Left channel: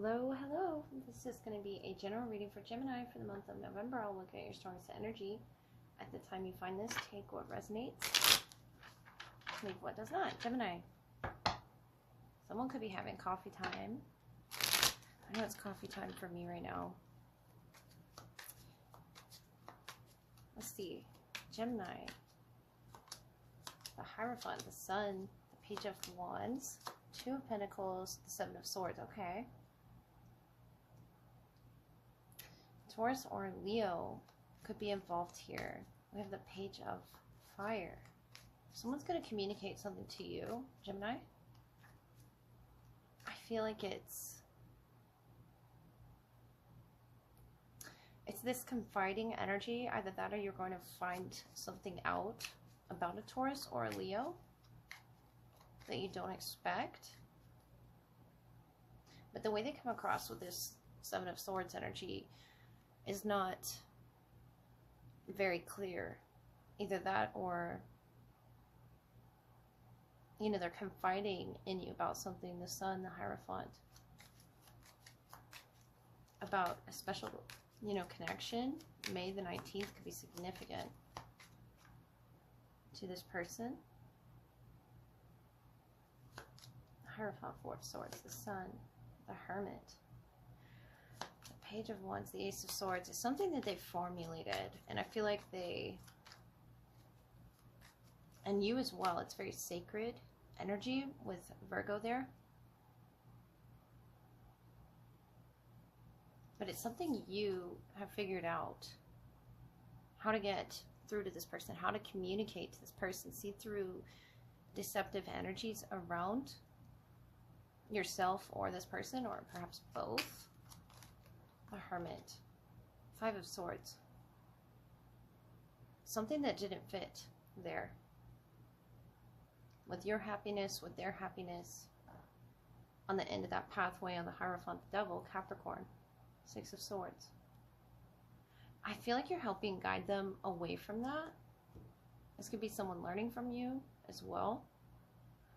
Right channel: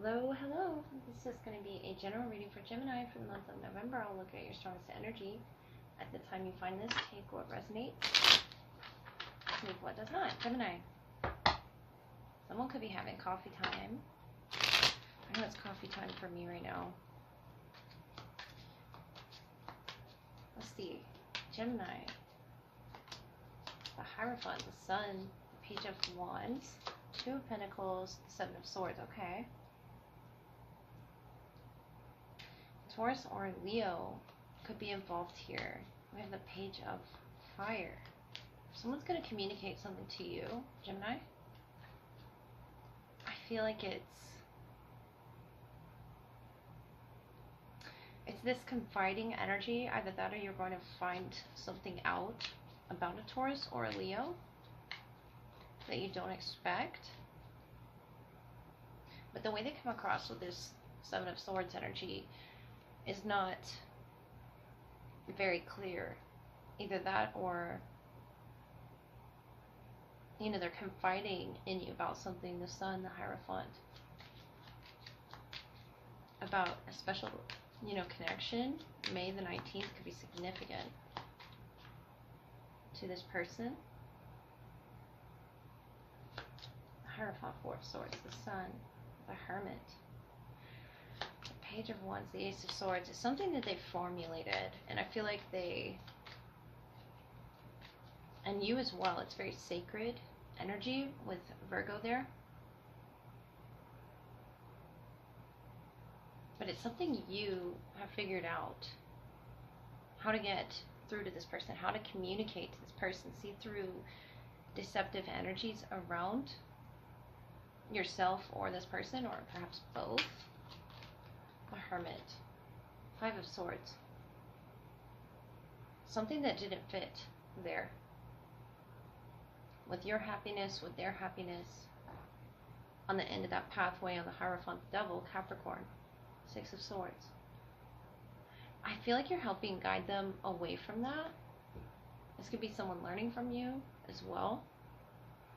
Hello, hello. This is going to be a general reading for Gemini for the month of November. I'll look at your strongest energy. At the time you find this, take what resonates, leave what does not. Gemini. Someone could be having coffee time. I know it's coffee time for me right now. Let's see. Gemini. The Hierophant, the Sun, the Page of Wands, Two of Pentacles, the Seven of Swords. Okay. Taurus or Leo could be involved here. We have the Page of Fire. Someone's going to communicate something to you, Gemini. I feel like it's this confiding energy. Either that or you're going to find something out about a Taurus or a Leo that you don't expect. But the way they come across with this Seven of Swords energy is not very clear. Either that or, you know, they're confiding in you about something. The Sun, the Hierophant, about a special, you know, connection. May the 19th could be significant to this person. The Hierophant, Four of Swords, the Sun, the Hermit, the Page of Wands, the Ace of Swords. It's something that they've formulated, and I feel like they, and you as well, it's very sacred energy with Virgo there. But it's something you have figured out how to get through to this person, how to communicate to this person, see through deceptive energies around yourself or this person, or perhaps both. The Hermit, Five of Swords. Something that didn't fit there. With your happiness, with their happiness. On the end of that pathway, on the Hierophant, the Devil, Capricorn, Six of Swords. I feel like you're helping guide them away from that. This could be someone learning from you as well.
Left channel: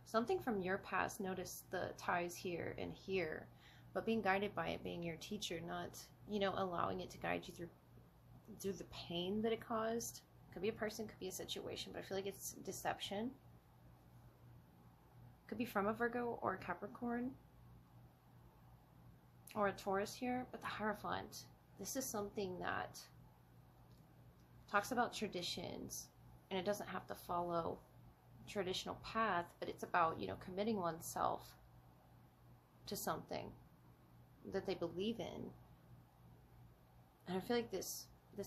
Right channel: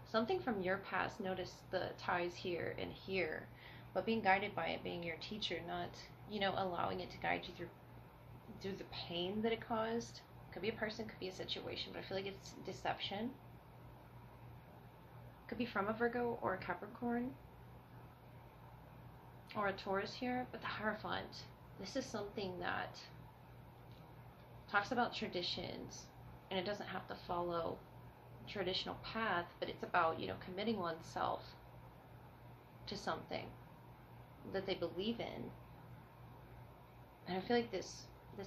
Something from your past. Notice the ties here and here, but being guided by it, being your teacher, not, you know, allowing it to guide you through the pain that it caused. Could be a person, could be a situation, but I feel like it's deception. Could be from a Virgo or a Capricorn or a Taurus here. But the Hierophant, this is something that talks about traditions, and it doesn't have to follow a traditional path, but it's about, you know, committing oneself to something that they believe in. And I feel like this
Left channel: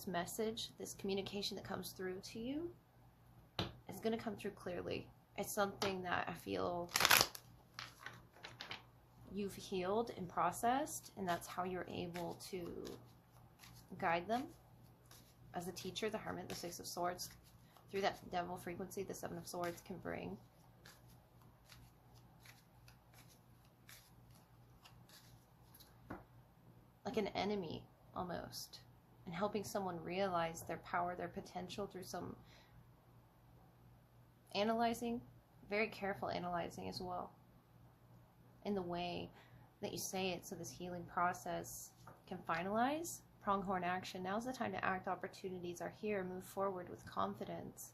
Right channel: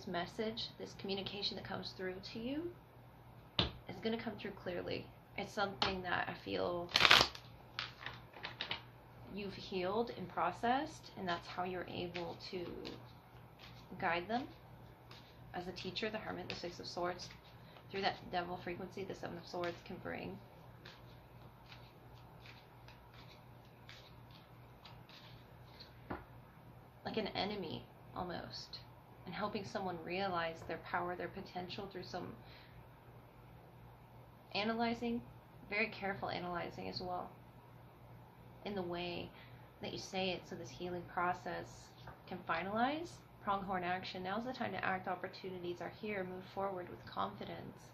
message, this communication that comes through to you is going to come through clearly. It's something that I feel you've healed and processed, and that's how you're able to guide them as a teacher. The Hermit, the Six of Swords, through that Devil frequency, the Seven of Swords can bring. Like an enemy almost, and helping someone realize their power, their potential through some analyzing, very careful analyzing as well, in the way that you say it, so this healing process can finalize. Pronghorn action. Now's the time to act. Opportunities are here. Move forward with confidence.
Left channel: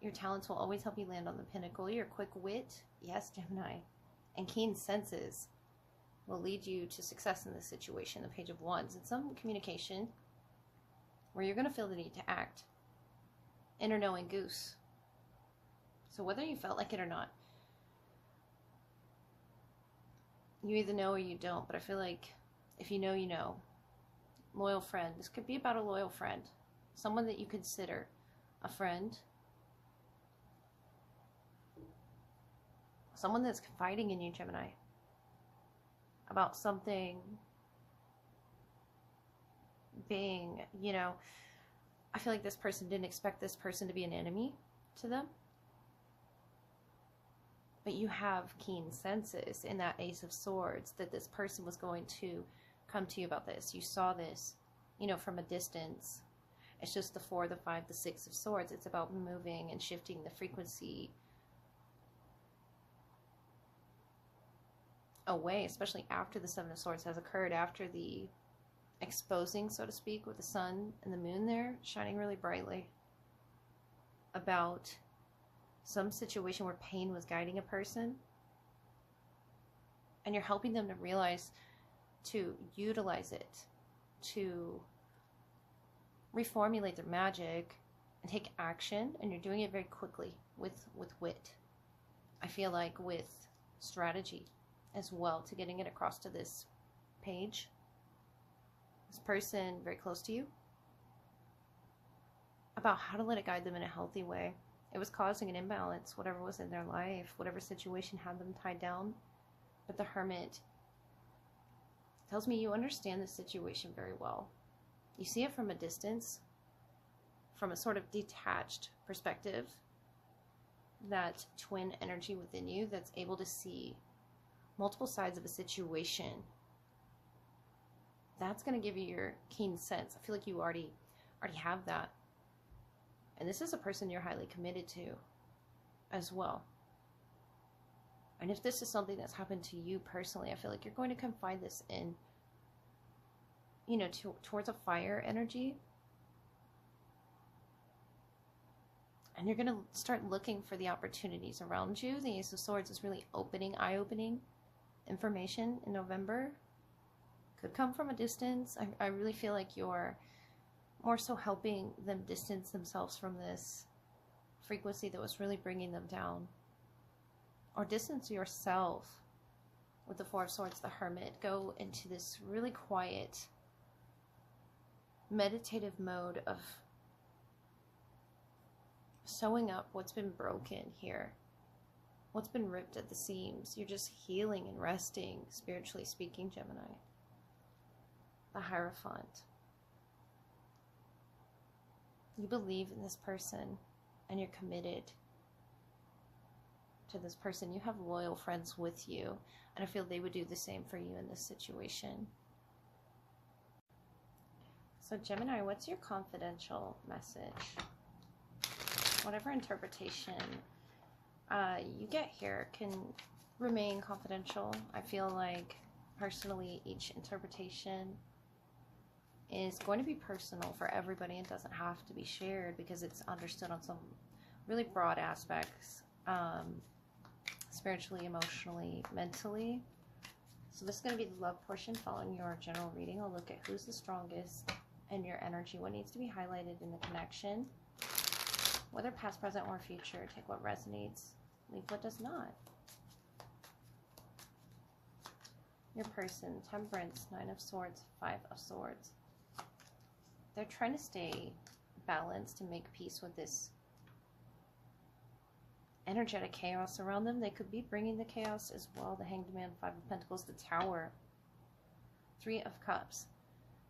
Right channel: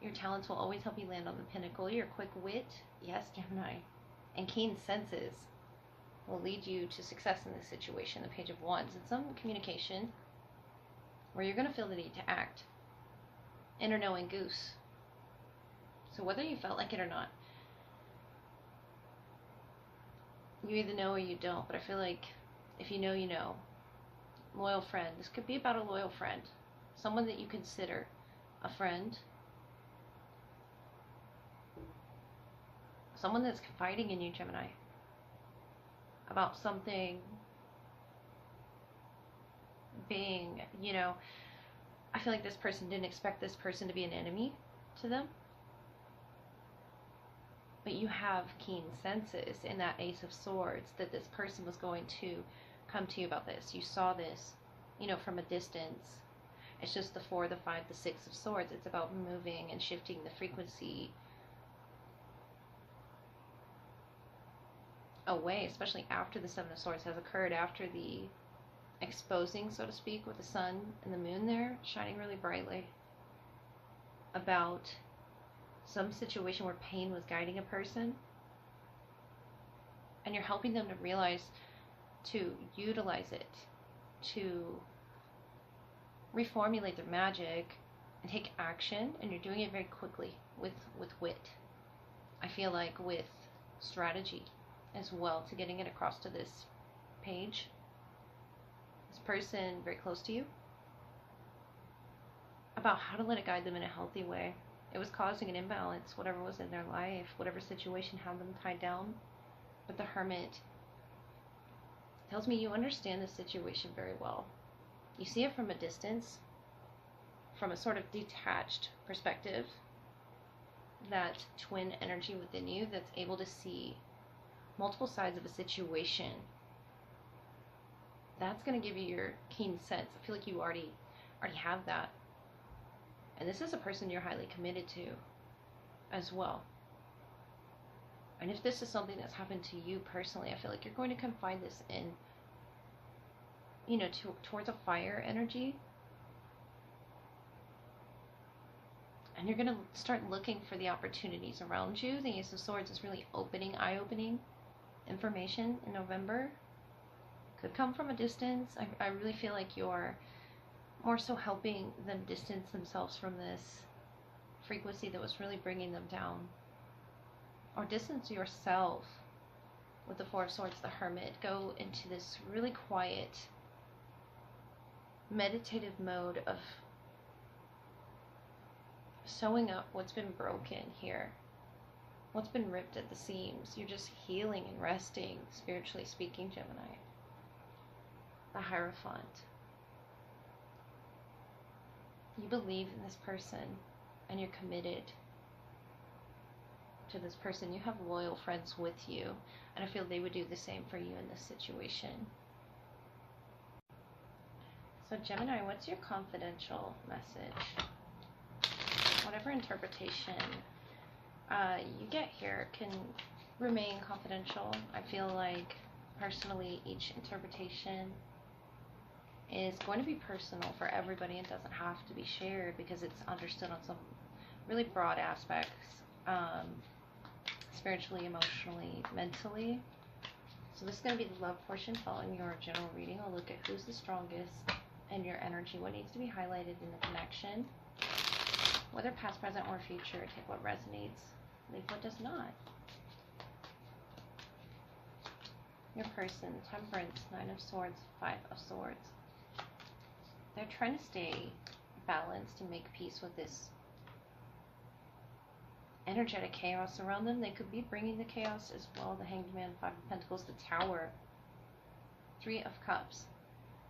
Your talents will always help you land on the pinnacle. Your quick wit, yes, Gemini, and keen senses will lead you to success in this situation. The Page of Wands, and some communication where you're going to feel the need to act. Inner knowing goose. So whether you felt like it or not, you either know or you don't. But I feel like if you know, you know. Loyal friend. This could be about a loyal friend. Someone that you consider a friend. Someone that's confiding in you, Gemini, about something being, you know, I feel like this person didn't expect this person to be an enemy to them. But you have keen senses in that Ace of Swords that this person was going to come to you about this. You saw this, you know, from a distance. It's just the Four, the Five, the Six of Swords. It's about moving and shifting the frequency away, especially after the Seven of Swords has occurred, after the exposing, so to speak, with the sun and the moon there shining really brightly, about some situation where pain was guiding a person, and you're helping them to realize, to utilize it, to reformulate their magic and take action, and you're doing it very quickly with wit. I feel like with strategy as well to getting it across to this page. This person very close to you, about how to let it guide them in a healthy way. It was causing an imbalance, whatever was in their life, whatever situation had them tied down. But the Hermit tells me you understand the situation very well. You see it from a distance, from a sort of detached perspective, that twin energy within you that's able to see multiple sides of a situation. That's going to give you your keen sense. I feel like you already have that. And this is a person you're highly committed to as well. And if this is something that's happened to you personally, I feel like you're going to confide this in, you know, towards a fire energy. And you're going to start looking for the opportunities around you. The Ace of Swords is really eye-opening information in November. Could come from a distance. I really feel like you're more so helping them distance themselves from this frequency that was really bringing them down. Or distance yourself with the Four of Swords, the Hermit. Go into this really quiet, meditative mode of sewing up what's been broken here, what's been ripped at the seams. You're just healing and resting, spiritually speaking, Gemini. The Hierophant. You believe in this person and you're committed to this person. You have loyal friends with you, and I feel they would do the same for you in this situation. So Gemini, what's your confidential message? Whatever interpretation you get here can remain confidential. I feel like personally each interpretation is going to be personal for everybody and doesn't have to be shared because it's understood on some really broad aspects, spiritually, emotionally, mentally. So this is going to be the love portion following your general reading. I'll look at who's the strongest and your energy, what needs to be highlighted in the connection, whether past, present, or future. Take what resonates, leave what does not. Your person, Temperance, Nine of Swords, Five of Swords. They're trying to stay balanced and make peace with this energetic chaos around them. They could be bringing the chaos as well. The Hanged Man, Five of Pentacles, the Tower, Three of Cups.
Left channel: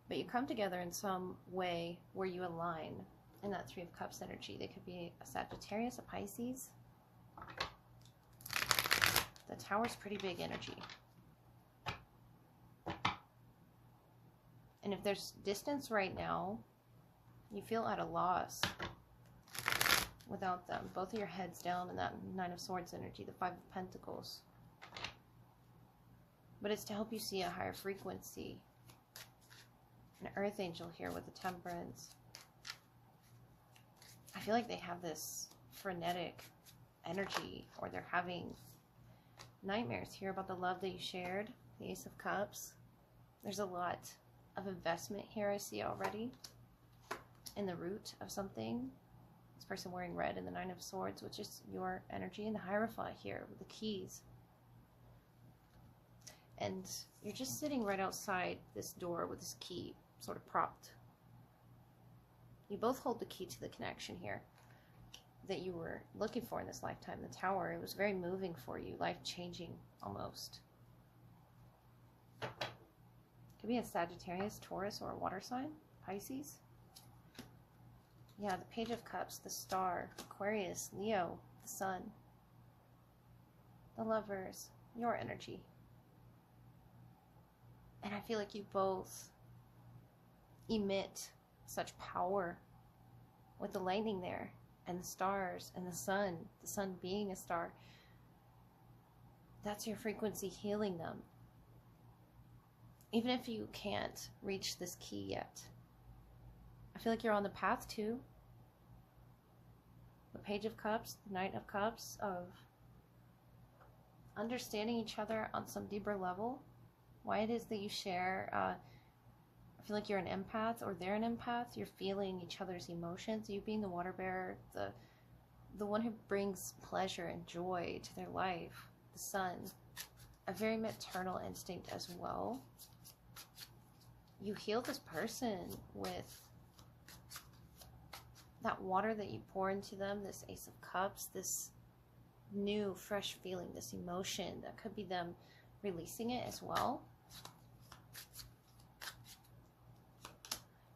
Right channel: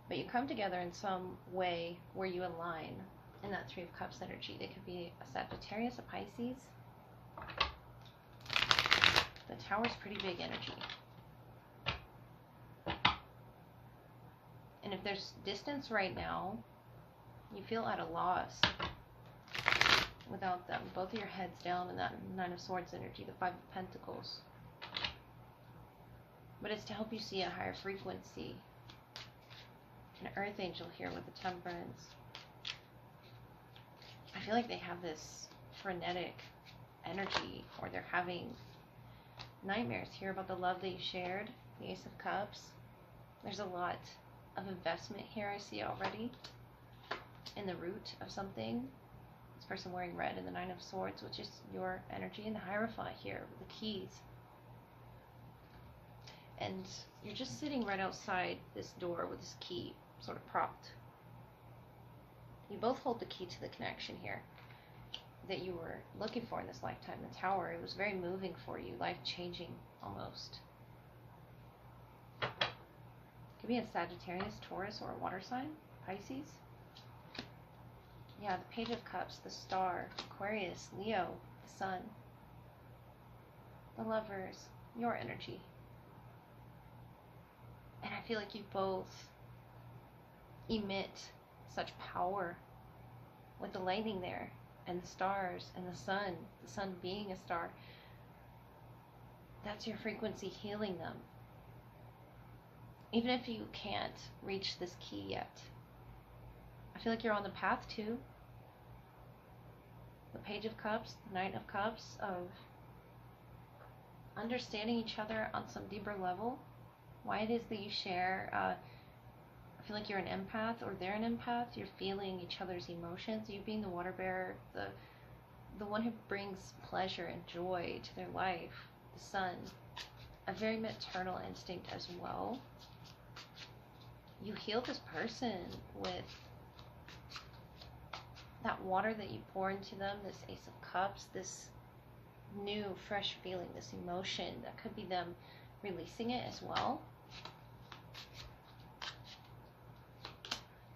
But you come together in some way where you align in that Three of Cups energy. They could be a Sagittarius, a Pisces. The Tower's pretty big energy. And if there's distance right now, you feel at a loss without them. Both of your heads down in that Nine of Swords energy, the Five of Pentacles. But it's to help you see a higher frequency. An Earth Angel here with the Temperance. I feel like they have this frenetic energy, or they're having nightmares here about the love that you shared. The Ace of Cups. There's a lot of investment here I see already in the root of something. This person wearing red in the Nine of Swords, which is your energy, and the Hierophant here with the keys. And you're just sitting right outside this door with this key sort of propped. You both hold the key to the connection here that you were looking for in this lifetime. The Tower, it was very moving for you, life-changing almost. Could be a Sagittarius, Taurus, or a water sign, Pisces. Yeah, the Page of Cups, the Star, Aquarius, Leo, the Sun, the Lovers, your energy. And I feel like you both emit such power with the lightning there, and the stars, and the sun being a star, That's your frequency healing them. Even if you can't reach this key yet, I feel like you're on the path to the Page of Cups, the Knight of Cups, of understanding each other on some deeper level. Why it is that you share, I feel like you're an empath, or they're an empath. You're feeling each other's emotions. You being the water bearer, the one who brings pleasure and joy to their life, the sun, a very maternal instinct as well. You heal this person with that water that you pour into them, this Ace of Cups, this new, fresh feeling, this emotion. That could be them releasing it as well.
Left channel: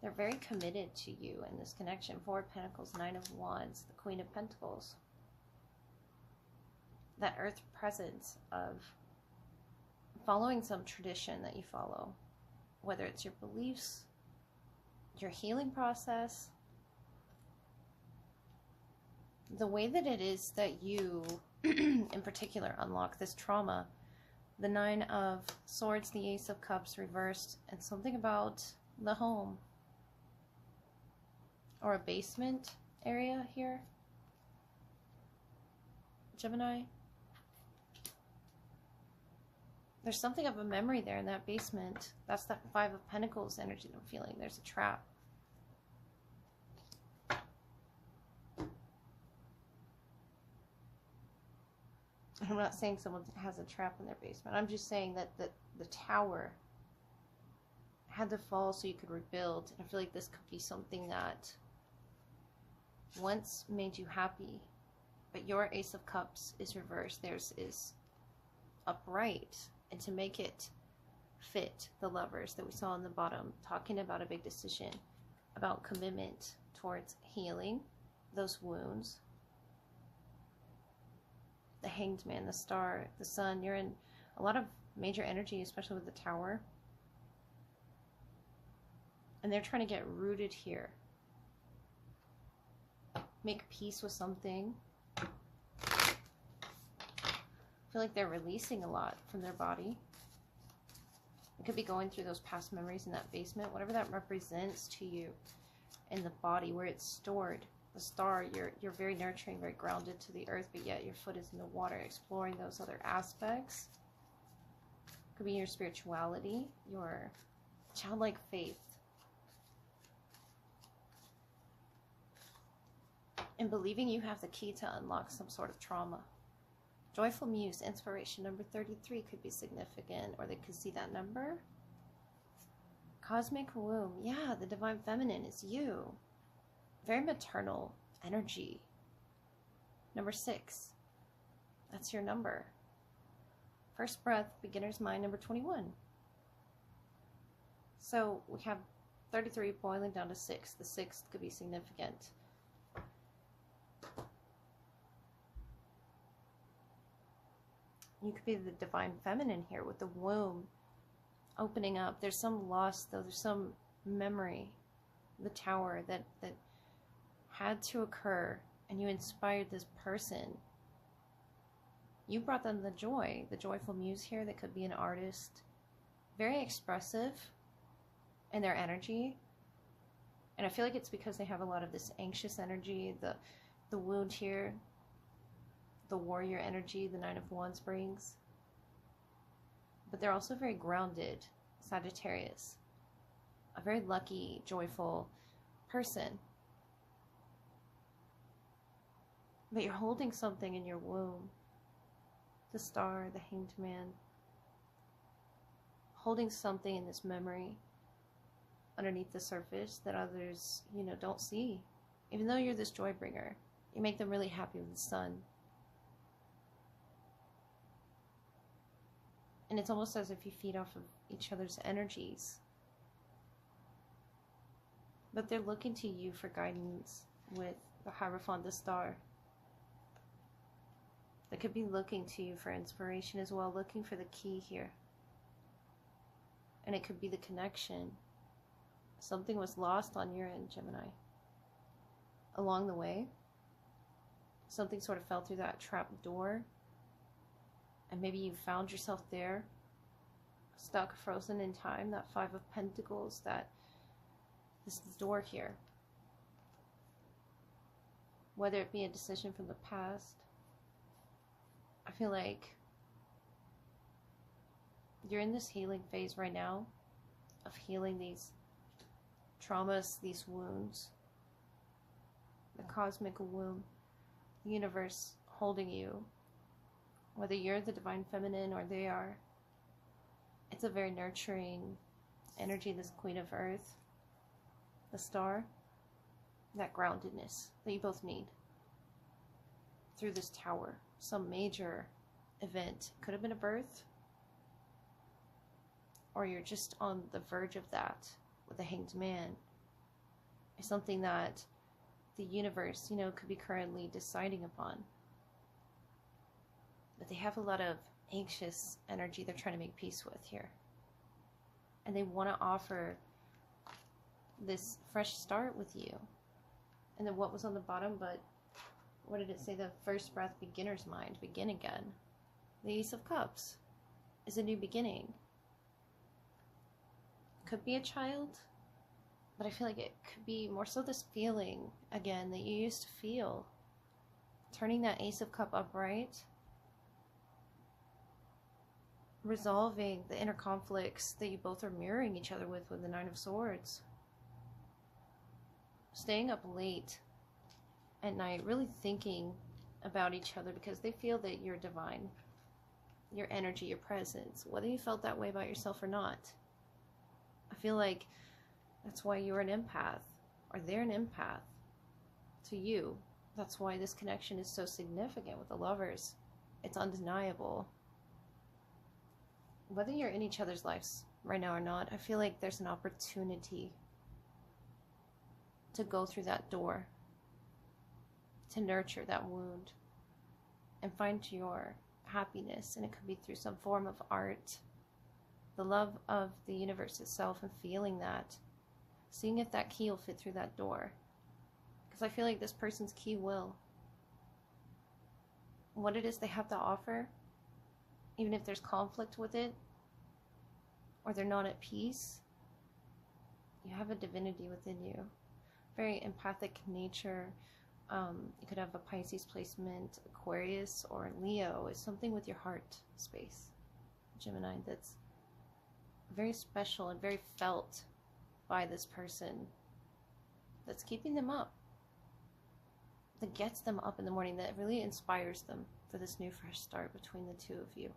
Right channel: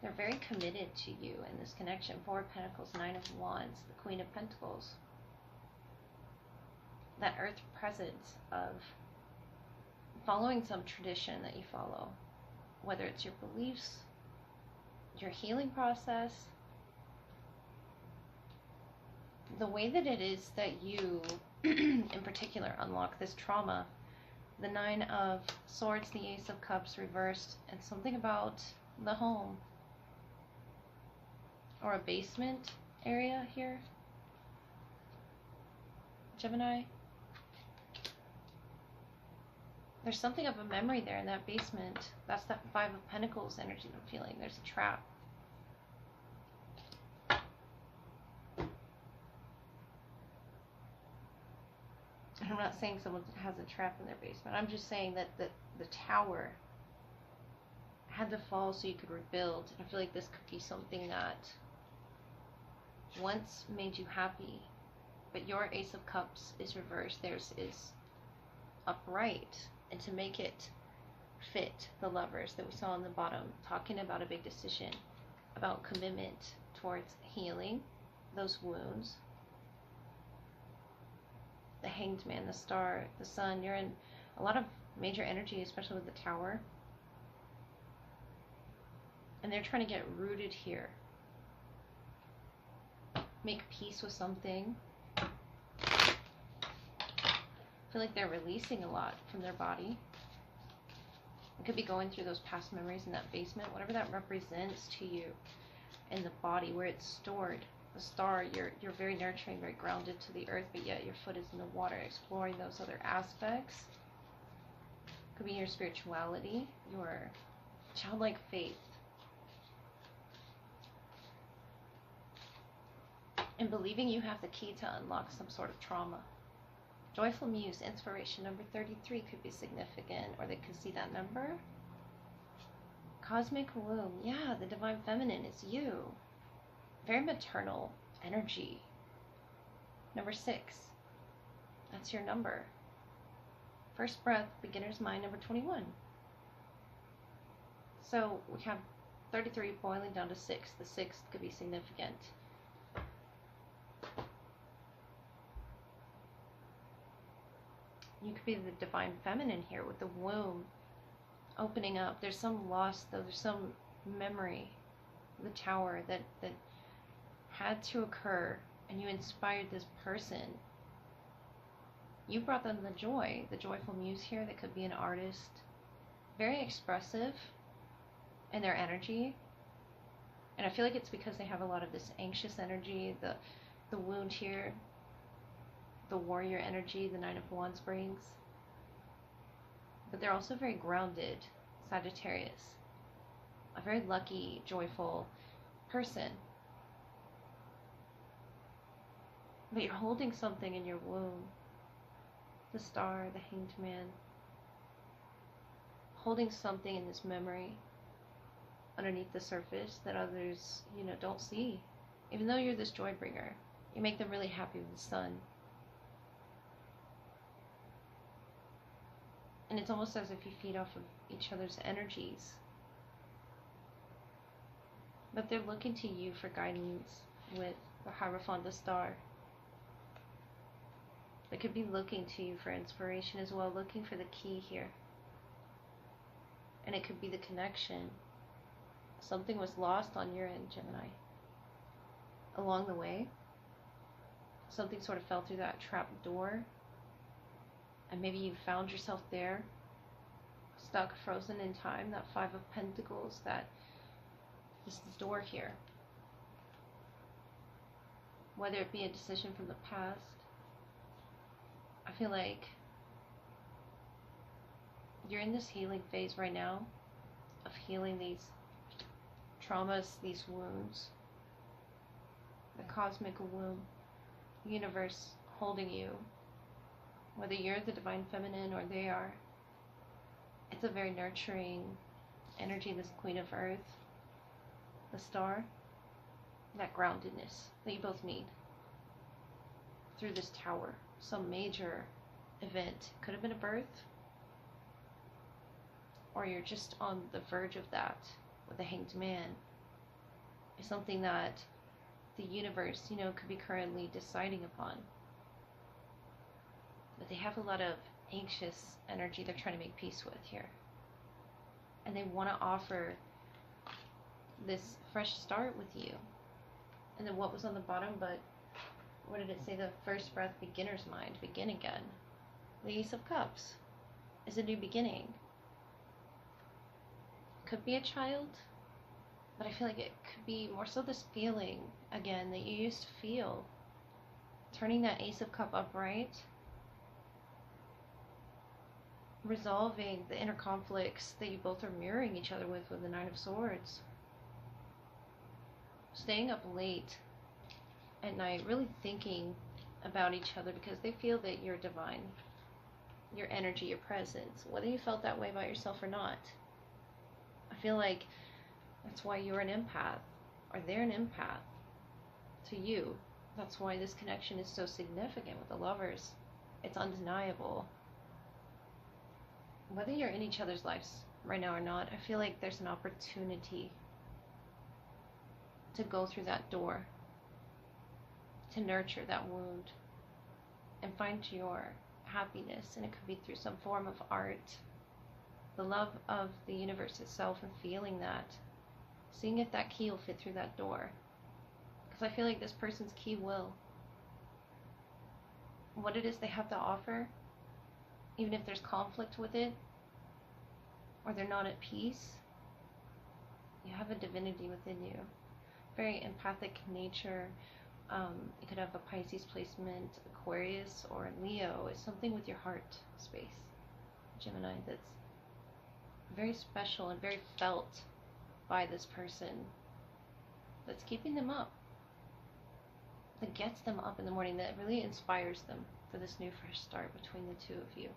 They're very committed to you in this connection. Four of Pentacles, Nine of Wands, the Queen of Pentacles. That earth presence of following some tradition that you follow, whether it's your beliefs, your healing process, the way that it is that you, in particular, unlock this trauma. The Nine of Swords, the Ace of Cups reversed, and something about the home or a basement area here, Gemini. There's something of a memory there in that basement. That's that Five of Pentacles energy that I'm feeling. There's a trap. I'm not saying someone has a trap in their basement. I'm just saying that the tower had to fall so you could rebuild. I feel like this could be something that once made you happy, but your Ace of Cups is reversed. Theirs is upright. And to make it fit the Lovers that we saw on the bottom, talking about a big decision, about commitment towards healing those wounds. The Hanged Man, the Star, the Sun, you're in a lot of major energy, especially with the Tower. And they're trying to get rooted here. Make peace with something. I feel like they're releasing a lot from their body. It could be going through those past memories in that basement, whatever that represents to you in the body, where it's stored. The Star, you're very nurturing, very grounded to the earth, but yet your foot is in the water, exploring those other aspects. Could be your spirituality, your childlike faith. And believing you have the key to unlock some sort of trauma. Joyful Muse, inspiration, number 33 could be significant, or they could see that number. Cosmic womb, yeah, the divine feminine is you. Very maternal energy. Number 6, that's your number. First breath, beginner's mind, number 21. So we have 33 boiling down to 6. The 6th could be significant. You could be the divine feminine here with the womb opening up. There's some loss, though. There's some memory, the Tower, that had to occur, and you inspired this person. You brought them the joy, the joyful muse here. That could be an artist, very expressive in their energy. And I feel like it's because they have a lot of this anxious energy, the wound here, the warrior energy, the Nine of Wands brings. But they're also very grounded, Sagittarius. A very lucky, joyful person. But you're holding something in your womb. The Star, the Hanged Man. Holding something in this memory underneath the surface that others, don't see. Even though you're this joy bringer, you make them really happy with the sun. And it's almost as if you feed off of each other's energies. But they're looking to you for guidance with the Hierophant, the Star. They could be looking to you for inspiration as well, looking for the key here. And it could be the connection. Something was lost on your end, Gemini. Along the way, something sort of fell through that trap door. And maybe you found yourself there, stuck, frozen in time, that Five of Pentacles, that this door here. Whether it be a decision from the past, I feel like you're in this healing phase right now of healing these traumas, these wounds, the cosmic womb, the universe holding you, whether you're the divine feminine or they are. It's a very nurturing energy, this Queen of Earth, the star, that groundedness that you both need through this tower. Some major event, could have been a birth, or you're just on the verge of that with the Hanged Man. It's something that the universe, could be currently deciding upon. But they have a lot of anxious energy they're trying to make peace with here. And they want to offer this fresh start with you. And then what was on the bottom, but what did it say? The first breath, beginner's mind, begin again. The Ace of Cups is a new beginning. Could be a child, but I feel like it could be more so this feeling again that you used to feel. Turning that Ace of Cup upright, resolving the inner conflicts that you both are mirroring each other with the Nine of Swords. Staying up late at night, really thinking about each other because they feel that you're divine. Your energy, your presence, whether you felt that way about yourself or not. I feel like that's why you're an empath, or they're an empath to you. That's why this connection is so significant with the lovers. It's undeniable. Whether you're in each other's lives right now or not, I feel like there's an opportunity to go through that door, to nurture that wound, and find your happiness. And it could be through some form of art, the love of the universe itself, and feeling that, seeing if that key will fit through that door. Because I feel like this person's key will. What it is they have to offer, even if there's conflict with it, or they're not at peace, you have a divinity within you. Very empathic nature. You could have a Pisces placement, Aquarius, or Leo. It's something with your heart space, Gemini, that's very special and very felt by this person, that's keeping them up, that gets them up in the morning, that really inspires them for this new fresh start between the two of you.